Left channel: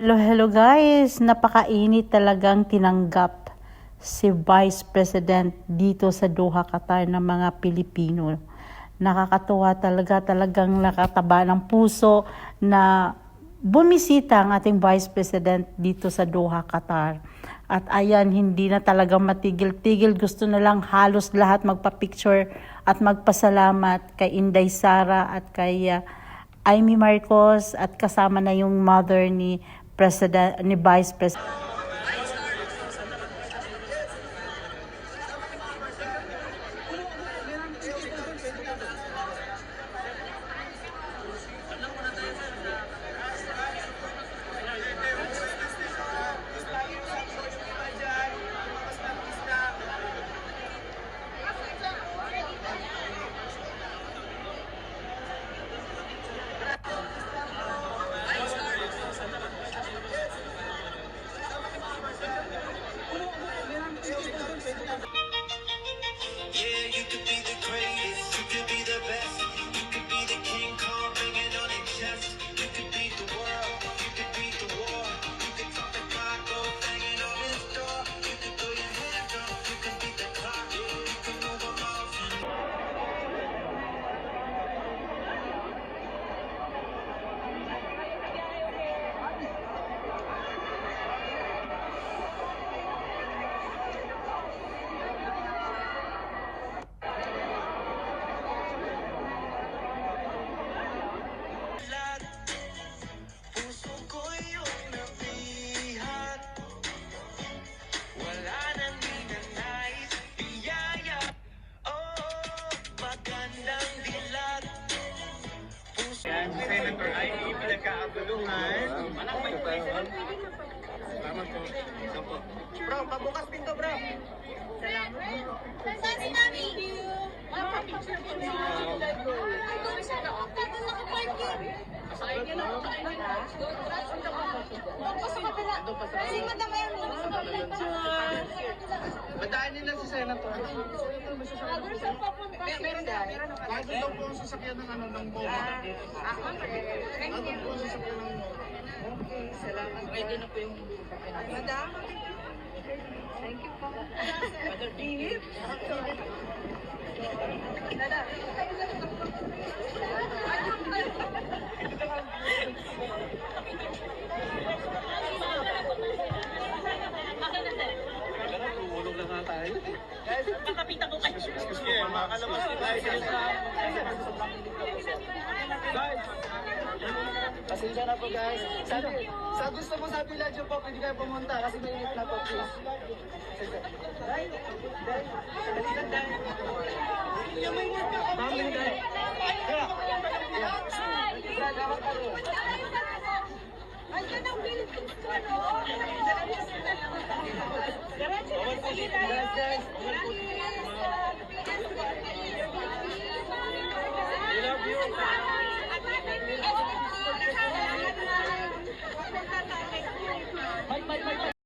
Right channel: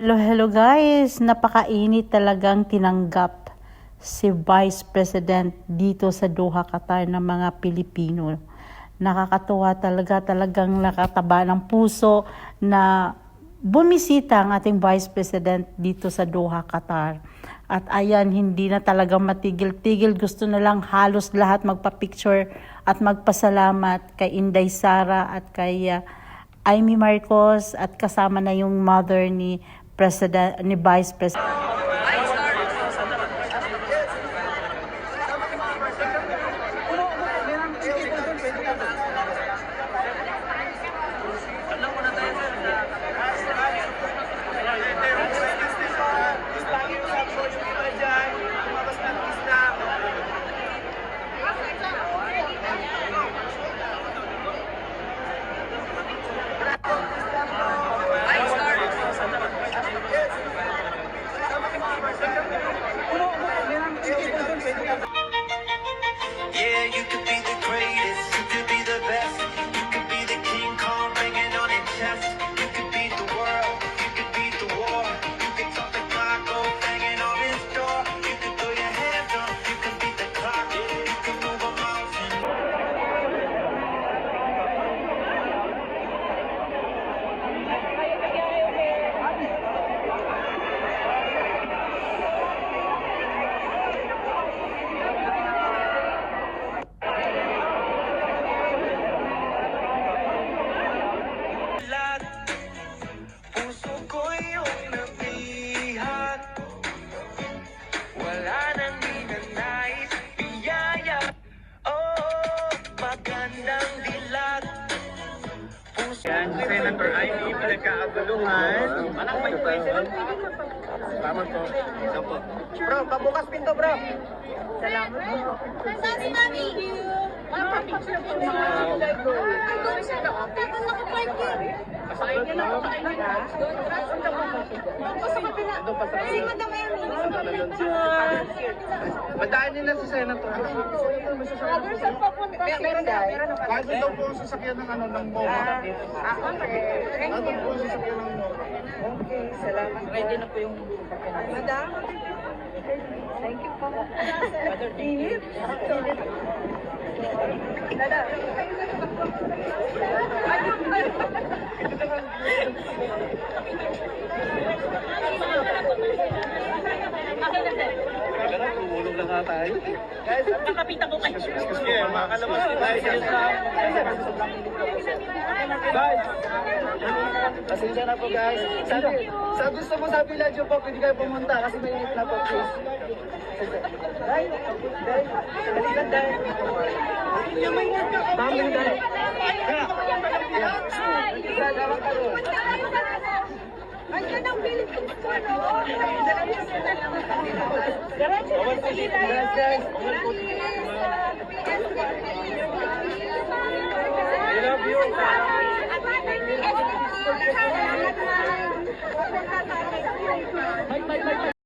Hello guys! Napakainit talagang tinanggap si Vice President dito sa Doha, Qatar ng mga Pilipino. Nakakatuwa talagang nakataba ng puso na bumisita ang ating Vice President dito sa Doha, Qatar. At ayan, hindi na talagang matigil-tigil. Gusto na lang halos lahat magpa-picture at magpasalamat kay Inday Sara at kay Amy Marcos at kasama na yung mother ni Vice President. Yeah, you could be the greatest, you could be the best, you could be the King Kong banging on his chest, you could beat the world, you could beat the war, you could top the clock, go banging on his door, you could throw your hands up, you could beat the clock, you could move a mountain. Puso ko yung nabihat, wala nang ninanais, biyaya, oh, magandang dilat. Yan, Senator Amy, pinagkakaguluhan. Tama po. Ito po. Bro, pabukas pinto, bro. Salamat po. Saan si Mami? Badaan nila si Senator. Bago daw po ang sasakyan ng ng MOA. Bago po ang sasakyan ng MOA. Okay, salamat. Ready na po yung Madam. Thank you po. Init. Dada. Tulog na nga tayo. Guys, Makapita ko kayo. sige, makalabas na tayo sa guys, pasensya na po guys. Sa gusto mo sa Villaggio po, pwede kayo pumunta kasi mainit na po, please. Guys, halika guys. Mami guys. Andiyan ang Philippines ko, no? I love you.